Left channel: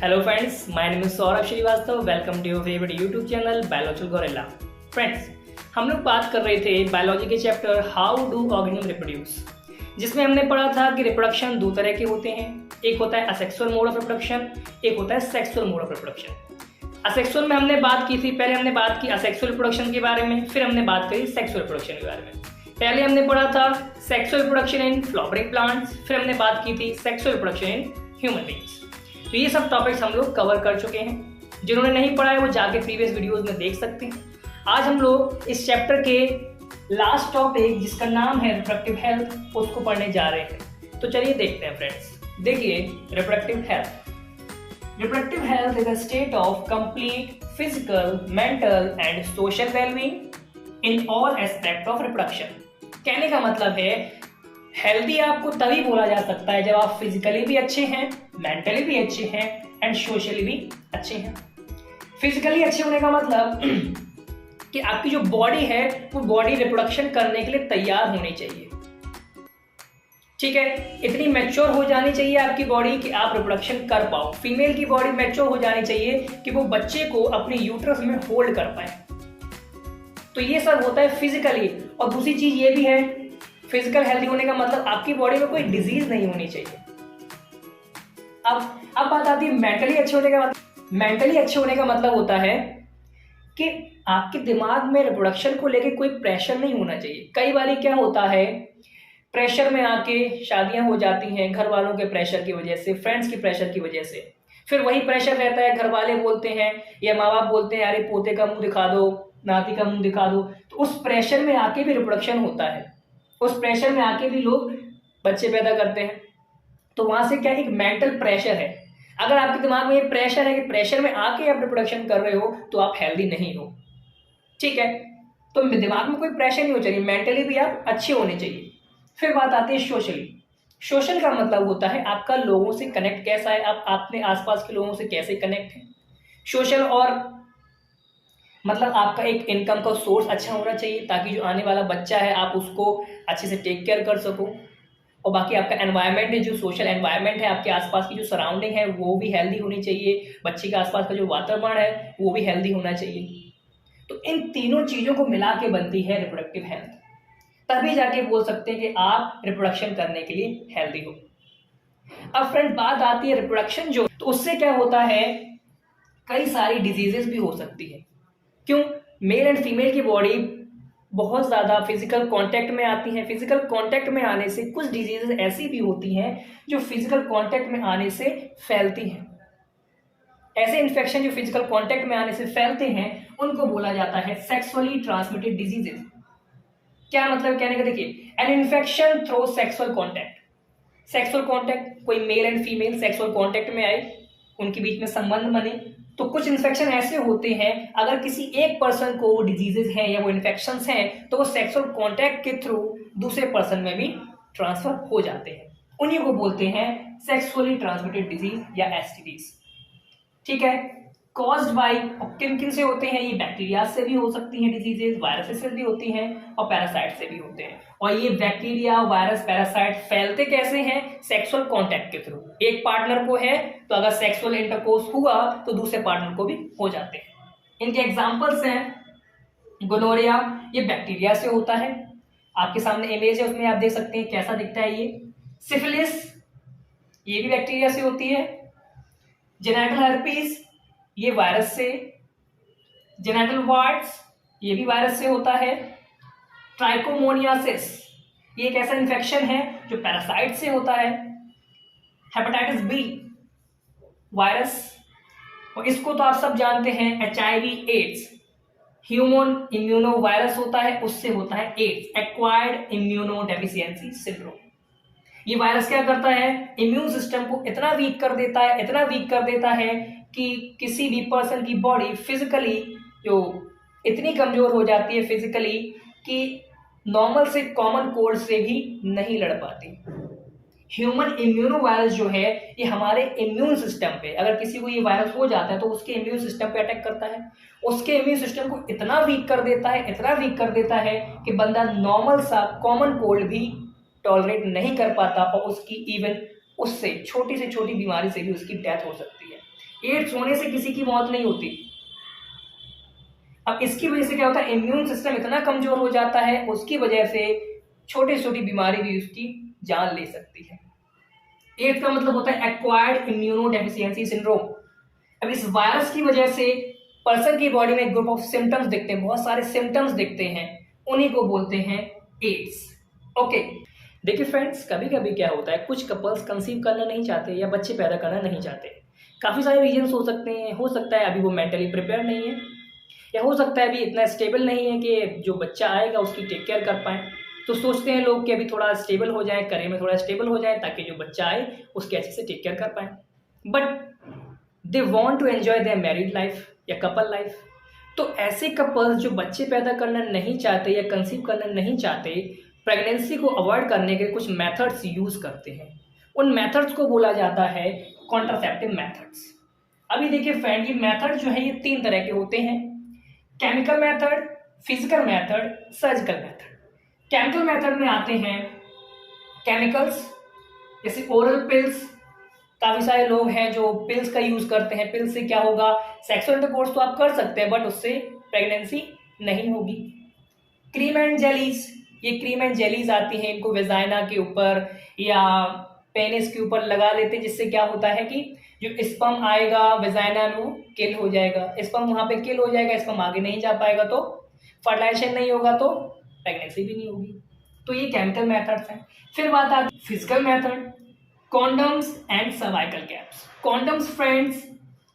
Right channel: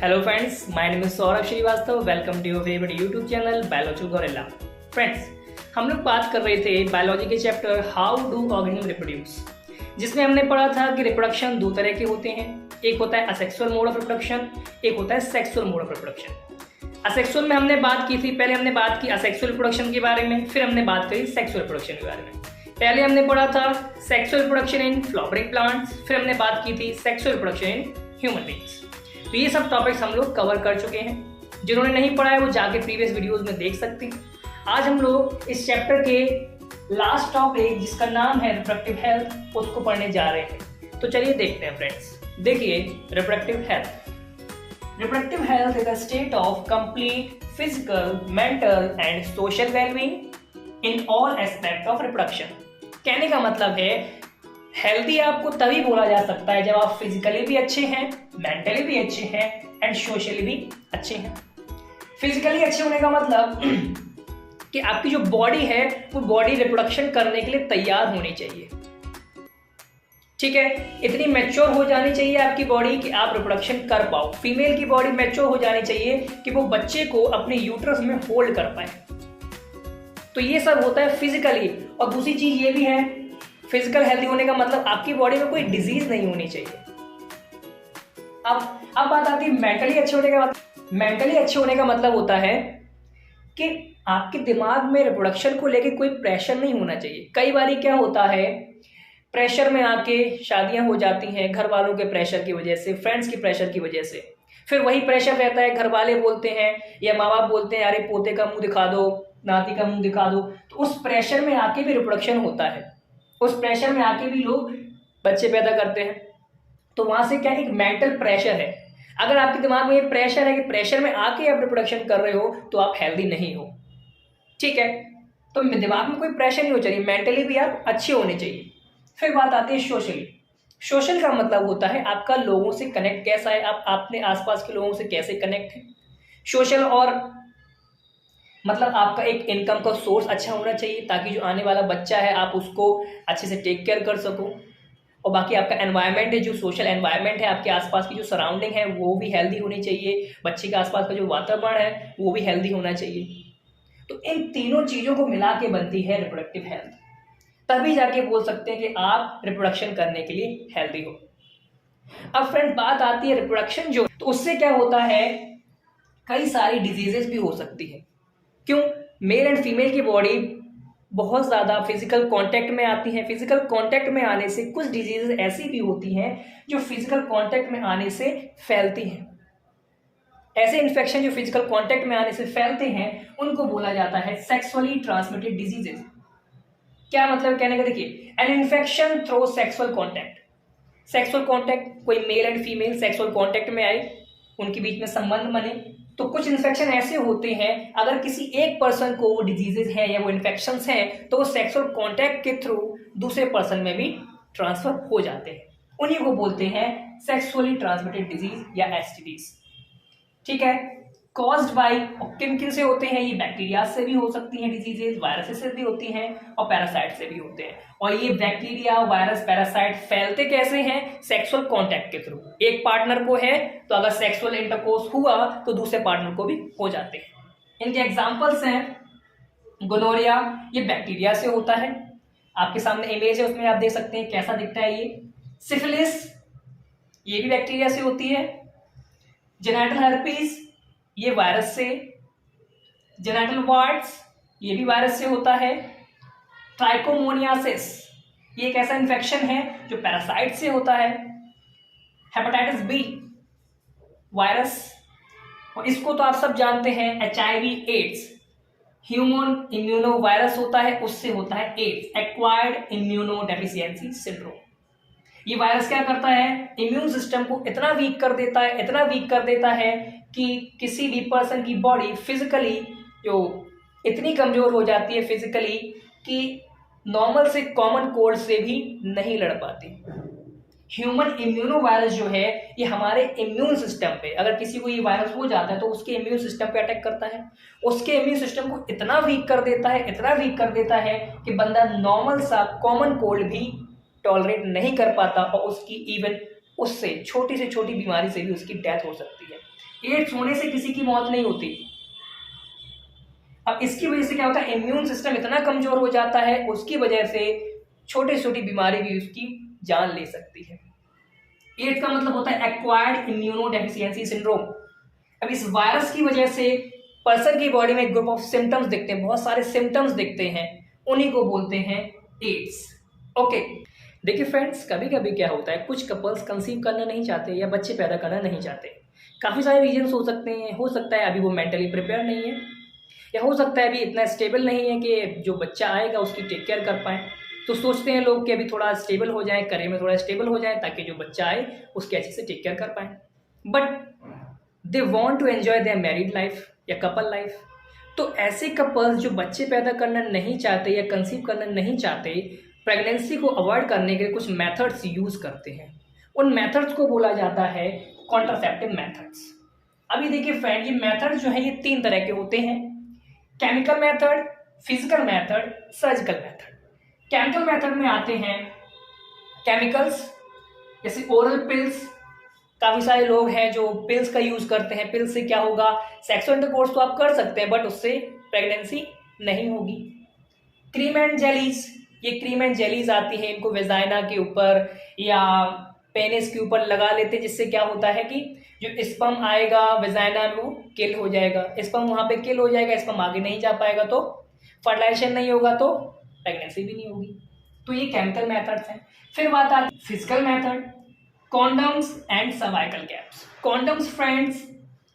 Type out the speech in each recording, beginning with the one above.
Hello friends, my name is Saurabh Srivastava. Welcome to your favourite YouTube channel biological gorilla. Friends, हम लोग बात कर रहे थे बायोलॉजी के chapter how do organism reproduce, जिसमें हमने पढ़ा था कि रिप्रोडक्शन दो तरह के होते हैं. एक होता है असेक्सुअल मोड ऑफ रिप्रोडक्शन, एक होता है sexual mode of reproduction. Asexual में हमने बात की थी, पहले हमने बात की असेक्सुअल रिप्रोडक्शन के बारे में, फिर हमने बात करी सेक्सुअल रिप्रोडक्शन के बारे में. पहले हमने पढ़ा था sexual reproduction in flowering plants, फिर हमने बात की थी sexual reproduction in human beings. तो ये सब टॉपिक्स हम लोग कवर कर चुके हैं. जिन्होंने नहीं पढ़ा है वो जाके प्रीवियस वीडियोस में देख सकते हैं. आज हम लोग इस चैप्टर के लास्ट टॉपिक जिसका नाम है रिप्रोडक्टिव हेल्थ, उसको पढ़ने जा रहे हैं. तो चलिए देखते हैं फ्रेंड्स. देखिए, reproductive health. Reproductive health is a state of complete physical, mental and social wellbeing in all aspect of reproduction. कहने का मतलब है हेल्दी आपको तभी बोला जा सकता है जब आप फिजिकली भी अच्छे हैं, मेंटली भी अच्छे हैं एंड सोशली भी अच्छे हैं. फिजिकली अच्छे होने का मतलब कि आपकी जो बॉडी है वो बॉडी रिप्रोडक्शन करने के लिए तैयार होनी चाहिए. ठीक है, इतनी मैच्योर हो जानी चाहिए आपकी बॉडी कि आप रिप्रोडक्शन कर पाओ. फीमेल की बॉडी मैच्योर हो जानी चाहिए कि वो बच्चे को अपने यूट्रस में होल्ड कर पाए. तो ये सब होता है फिजिकली. और दूसरी चीज ये भी है, फिजिकल हेल्दी होने का मतलब आपकी बॉडी में कोई डिजीज नहीं होनी चाहिए. अब बात आती है मेंटली अच्छे होने का मतलब. मेंटली अच्छे होने का मतलब होता है कि आपके दिमाग में रिप्रोडक्शन को लेके कोई प्रेशर नहीं होना चाहिए. कई बार क्या होता है, प्रेशर में आके शादियां हो जाती हैं घर वालों के प्रेशर की वजह से, फ्रेंड्स की प्रेशर की वजह से. फिर वही प्रेशर रहता है, घर वाले बोलते हैं या माँ बाप बोलते हैं अरे पोते का मुंह दिखा दो, नाती का मुंह दिखा दो. तो उस प्रेशर में आके भी रिप्रोडक्शन होता है. उस प्रेशर में आके भी लोग बच्चे पैदा करते हैं. तो वहां से क्या एक मेंटल प्रेशर है. अगर आपके दिमाग में ये प्रेशर है कि प्रेशर में आके आप रिप्रोडक्शन कर रहे हो तो आप हेल्दी नहीं हो. ठीक है, तो दिमाग में कोई प्रेशर नहीं हो चाहिए, मेंटली भी आप अच्छे होने चाहिए. फिर बात आती है सोशली. सोशल का मतलब होता है आपका लोगों से कनेक्ट कैसा है, आप अपने आसपास के लोगों से कैसे कनेक्ट है. सोशल और मतलब आपका एक इनकम का सोर्स अच्छा होना चाहिए ताकि जो आने वाला बच्चा है आप उसको अच्छे से टेक केयर कर सको. और बाकी आपका एनवायरनमेंट है, जो सोशल एनवायरनमेंट है, आपके आसपास की जो सराउंडिंग है वो भी हेल्दी होनी चाहिए. बच्चे के आसपास का जो वातावरण है वो भी हेल्दी होना चाहिए. तो इन तीनों चीज़ों को मिला के बनती है रिप्रोडक्टिव हेल्थ. तभी जाके बोल सकते हैं कि आप रिप्रोडक्शन करने के लिए हेल्दी हो. अब फ्रेंड बात आती है रिप्रोडक्शन जो, तो उससे क्या होता है, कई सारी डिजीजेस भी हो सकती है. क्यों? मेल एंड फीमेल की बॉडी बहुत ज़्यादा फिजिकल कांटेक्ट में आती हैं. फिजिकल कांटेक्ट में आने से कुछ डिजीजेस ऐसी भी होती हैं जो फिजिकल कांटेक्ट में आने से फैलती हैं. ऐसे इन्फेक्शन जो फिजिकल कांटेक्ट में आने से फैलते हैं उनको बोला जाता है सेक्सुअली ट्रांसमिटेड डिजीजेस. क्या मतलब कहने का, देखिए, an infection through sexual contact. Sexual contact, कोई male and female sexual contact में आए, उनके बीच में संबंध बने, तो कुछ इन्फेक्शन ऐसे होते हैं अगर किसी एक पर्सन को वो डिजीजेज हैं या वो इन्फेक्शंस हैं तो वो सेक्सुअल कांटेक्ट के थ्रू दूसरे पर्सन में भी ट्रांसफर हो जाते हैं. उन्हीं को बोलते हैं सेक्सुअली ट्रांसमिटेड डिजीज या एसटीडीज. ठीक है, कॉज्ड बाय, किन किन से होते हैं, ये बैक्टीरिया से भी हो सकती हैं डिजीजेज, वायरस से भी होती हैं और पैरासाइट से भी होते हैं. और ये बैक्टीरिया, वायरस, पैरासाइट फैलते कैसे हैं? सेक्सुअल कांटेक्ट के थ्रू. एक पार्टनर को है तो अगर सेक्सुअल इंटरकोर्स हुआ तो दूसरे पार्टनर को भी हो जाते हैं. इनके एग्जांपल्स हैं गोनोरिया, ये बैक्टीरिया से होता है. आपके सामने इमेज है, उसमें आप देख सकते हैं कैसा दिखता है ये. सिफिलिस, ये भी बैक्टीरिया से होती है. जेनिटल हर्पीज, ये वायरस से. जेनिटल वार्ट्स, ये भी वायरस से होता है. ट्राइकोमोनियासिस, ये एक ऐसा इन्फेक्शन है जो पैरासाइट से होता है. हेपेटाइटिस बी, वायरस, और इसको तो आप सब जानते हैं HIV AIDS, human immuno virus होता है, उससे होता है AIDS, acquired immunodeficiency syndrome. ये वायरस क्या करता है, इम्यून सिस्टम को इतना वीक कर देता है, इतना वीक कर देता है कि किसी भी पर्सन की बॉडी फिजिकली जो इतनी कमजोर हो जाती है फिजिकली कि नॉर्मल से कॉमन कोल्ड से भी नहीं लड़ पाती. ह्यूमन इम्यूनो वायरस जो है ये हमारे इम्यून सिस्टम पे, अगर किसी को ये वायरस हो जाता है तो उसके इम्यून सिस्टम पे अटैक करता है. उसके इम्यून सिस्टम को इतना वीक कर देता है, इतना वीक कर देता है कि बंदा नॉर्मल सा कॉमन कोल्ड भी टॉलरेट नहीं कर पाता और उसकी इवन उससे छोटी से छोटी बीमारी से भी उसकी डेथ हो सकती है. एड्स होने से किसी की मौत नहीं होती। अब इसकी वजह से क्या होता है, इम्यून सिस्टम इतना कमजोर हो जाता है, उसकी वजह से छोटी छोटी बीमारी भी उसकी जान ले सकती है। एड्स का मतलब होता है एक्वायर्ड इम्यूनो डेफिशिएंसी सिंड्रोम। अब इस वायरस की वजह से पर्सन की बॉडी में एक ग्रुप ऑफ सिम्टम्स दिखते हैं, बहुत सारे सिम्टम्स दिखते हैं, उन्हीं को बोलते हैं एड्स। ओके, देखिए फ्रेंड्स, कभी कभी क्या होता है, कुछ कपल्स कंसीव करना नहीं चाहते या बच्चे पैदा करना नहीं चाहते। काफ़ी सारे रीजंस हो सकते हैं। हो सकता है अभी वो मेंटली प्रिपेयर नहीं है, या हो सकता है अभी इतना स्टेबल नहीं है कि जो बच्चा आएगा उसकी टेक केयर कर पाए। तो सोचते हैं लोग कि अभी थोड़ा स्टेबल हो जाए, करियर में थोड़ा स्टेबल हो जाए, ताकि जो बच्चा आए उसकी अच्छे से टेक केयर कर पाए। But they want to enjoy their married life या कपल लाइफ। तो ऐसे कपल्स जो बच्चे पैदा करना नहीं चाहते या कंसीव करना नहीं चाहते, प्रेगनेंसी को अवॉइड करने के कुछ मेथड्स यूज़ करते हैं। उन मेथड्स को बोला जाता है कॉन्ट्रासेप्टिव मेथड्स। अभी देखिए फ्रेंड, ये मेथड जो है ये 3 तरह के होते हैं: chemical method, physical method, surgical method. Chemical method में आते हैं केमिकल्स, जैसे ओरल पिल्स। काफ़ी सारे लोग हैं जो पिल्स का यूज़ करते हैं। पिल्स से क्या होगा, सेक्सुअल इंटरकोर्स तो आप कर सकते हैं, बट उससे प्रेगनेंसी नहीं होगी। क्रीम एंड जेलीज, ये क्रीम एंड जेलीज आती है, इनको वेजाइना के ऊपर या पेनिस के ऊपर लगा लेते हैं, जिससे क्या होता है कि जो स्पर्म आएगा वेजाइना में वो किल हो जाएगा। स्पर्म वहाँ पे किल हो जाएगा, स्पर्म आगे नहीं जा पाएगा, तो फर्टिलाइजेशन नहीं होगा, तो प्रेगनेंसी भी नहीं होगी। तो ये केमिकल मेथड्स हैं। फिर बात आती है physical method, condoms and cervical caps. Condoms friends,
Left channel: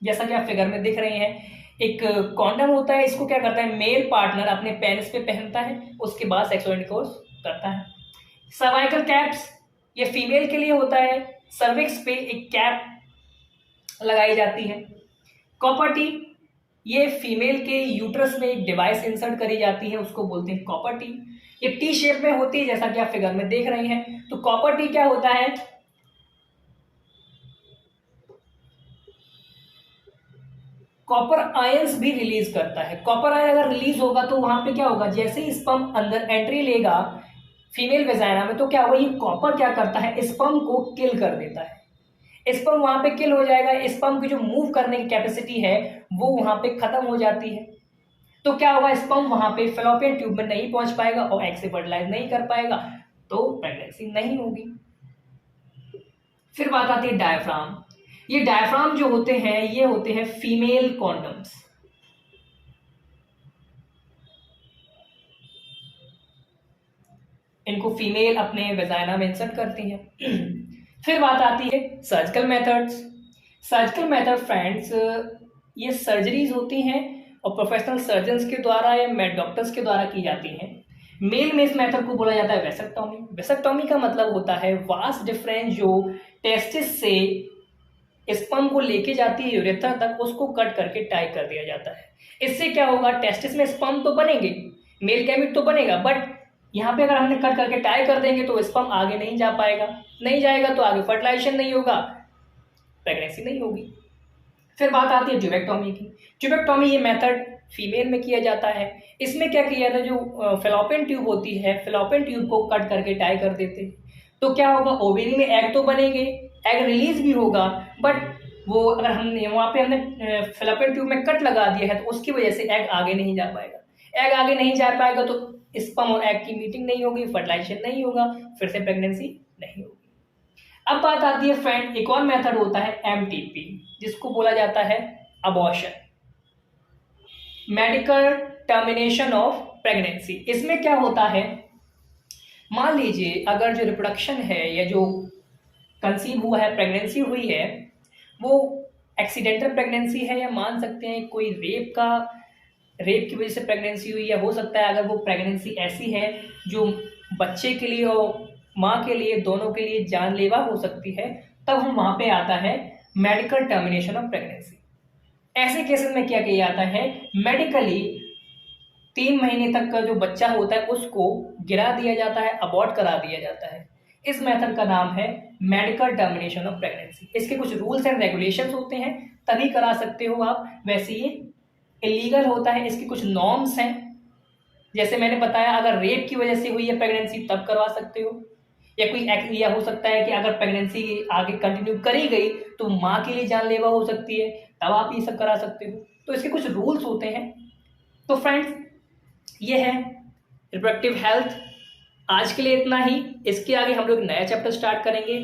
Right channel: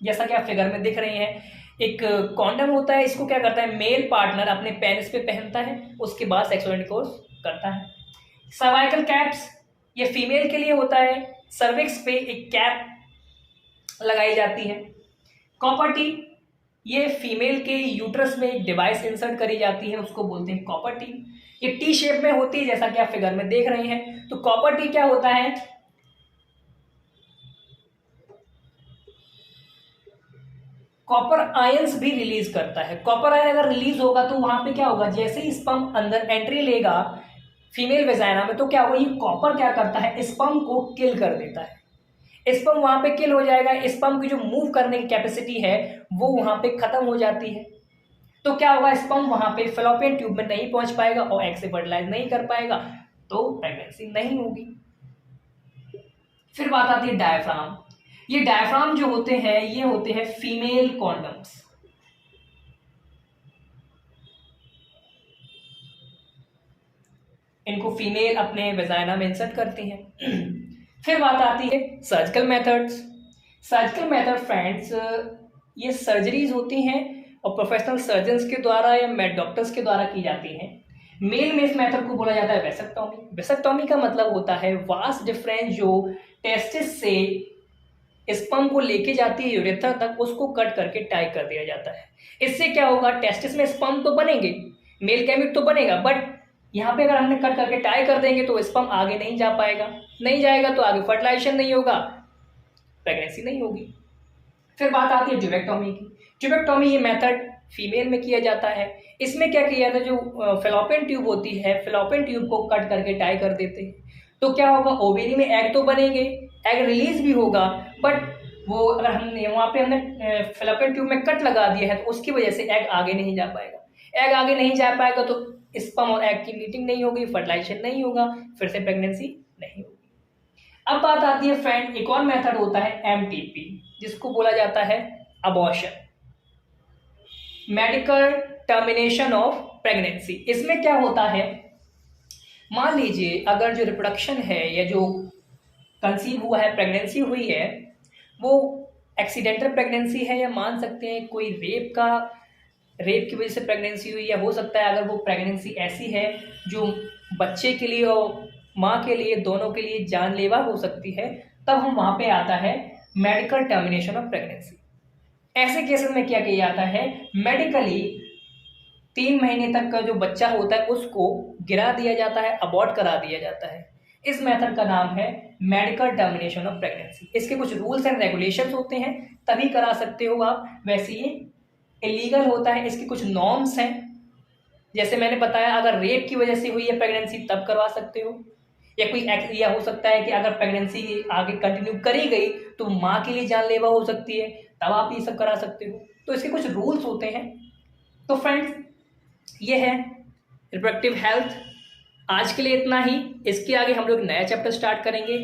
जैसा कि आप फिगर में दिख रहे हैं, एक कॉन्डम होता है, इसको क्या करता है, मेल पार्टनर अपने पेनिस पे पहनता है, उसके बाद सेक्सुअल इंटरकोर्स करता है। सर्वाइकल कैप्स, ये फीमेल के लिए होता है, सर्विक्स पे एक कैप लगाई जाती है। कॉपर टी, ये फीमेल के यूट्रस में एक डिवाइस इंसर्ट करी जाती है, उसको बोलते हैं कॉपर टी। ये टी शेप में होती है, जैसा कि आप फिगर में देख रहे हैं। तो कॉपर टी क्या होता है, कॉपर आयंस भी रिलीज करता है। कॉपर आयन अगर रिलीज होगा तो वहां पे क्या होगा, जैसे ही स्पर्म अंदर एंट्री लेगा फीमेल वेजाइना में, तो क्या होगा, ये कॉपर क्या करता है, स्पर्म को किल कर देता है। स्पर्म वहां पे किल हो जाएगा, स्पर्म की जो मूव करने की कैपेसिटी है वो वहां पे खत्म हो जाती है। तो क्या होगा, स्पर्म वहां पे फेलोपियन ट्यूब में नहीं पहुंच पाएगा और एग से फर्टिलाइज नहीं कर पाएगा, तो प्रेगनेंसी नहीं होगी। फिर बात आती है डायफ्राम। ये डायफ्राम जो होते हैं, ये होते हैं फीमेल कॉन्डम्स। इनको फीमेल अपने वेजाइना में इंसर्ट करती हैं। फिर बात आती है surgical methods. Surgical method friends, ये सर्जरीज होती हैं और प्रोफेशनल सर्जन्स के द्वारा या डॉक्टर्स के द्वारा की जाती हैं। मेल में इस मेथड को बोला जाता है वेसेक्टॉमी। वेसेक्टॉमी का मतलब होता है वास्ट डिफरेंस जो टेस्टिस से स्पर्म को लेके जाती है यूरेथ्रा तक, उसको कट करके टाई कर दिया जाता है। इससे क्या होगा, टेस्टिस में स्पर्म तो बनेंगे, मेल गैमेट तो बनेगा, बट यहाँ पे अगर हमने कट करके टाई कर देंगे तो स्पर्म आगे नहीं जा पाएगा, नहीं जाएगा तो आगे फर्टिलाइजेशन नहीं होगा, प्रेगनेंसी नहीं होगी। फिर बात आती है ट्यूबेक्टॉमी की। ट्यूबेक्टॉमी ये मेथड फीमेल में किया जाता है। इसमें क्या किया जाता है, जो फेलोपियन ट्यूब होती है, फेलोपियन ट्यूब को कट करके टाई कर देते हैं। तो क्या होगा, ओवेरी में एग तो बनेंगे, एग रिलीज भी होगा, बट वो अगर हमने वहाँ पे हमने फेलोपियन ट्यूब में कट लगा दिया है तो उसकी वजह से एग आगे नहीं जा पाएगा। एग आगे नहीं जा पाएगा तो स्पर्म और एग की मीटिंग नहीं होगी, फर्टिलाइजेशन नहीं होगा, फिर से प्रेगनेंसी नहीं होगी। अब बात आती है फ्रेंड, एक और मेथड होता है एमटीपी, जिसको बोला जाता है abortion, medical termination of pregnancy. इसमें क्या होता है, मान लीजिए अगर जो रिप्रोडक्शन है या जो कंसीव हुआ है, प्रेगनेंसी हुई है, वो एक्सीडेंटल प्रेगनेंसी है, या मान सकते हैं कोई रेप की वजह से प्रेगनेंसी हुई, या हो सकता है अगर वो प्रेगनेंसी ऐसी है जो बच्चे के लिए और माँ के लिए, दोनों के लिए जानलेवा हो सकती है, तब हम वहाँ पे आता है मेडिकल टर्मिनेशन ऑफ प्रेगनेंसी। ऐसे केसेस में क्या किया जाता है, मेडिकली 3 महीने तक का जो बच्चा होता है उसको गिरा दिया जाता है, अबॉर्ट करा दिया जाता है। इस मेथड का नाम है मेडिकल टर्मिनेशन ऑफ प्रेगनेंसी। इसके कुछ रूल्स एंड रेगुलेशंस होते हैं, तभी करा सकते हो आप, वैसे ये इलीगल होता है। इसके कुछ नॉर्म्स हैं, जैसे मैंने बताया, अगर रेप की वजह से हुई है प्रेगनेंसी तब करवा सकते हो, या कोई या हो सकता है कि अगर प्रेगनेंसी आगे कंटिन्यू करी गई तो माँ के लिए जानलेवा हो सकती है, तब आप ये सब करा सकते हो। तो इसके कुछ रूल्स होते हैं। तो फ्रेंड्स ये है रिप्रोडक्टिव हेल्थ। आज के लिए इतना ही। इसके आगे हम लोग नया चैप्टर स्टार्ट करेंगे।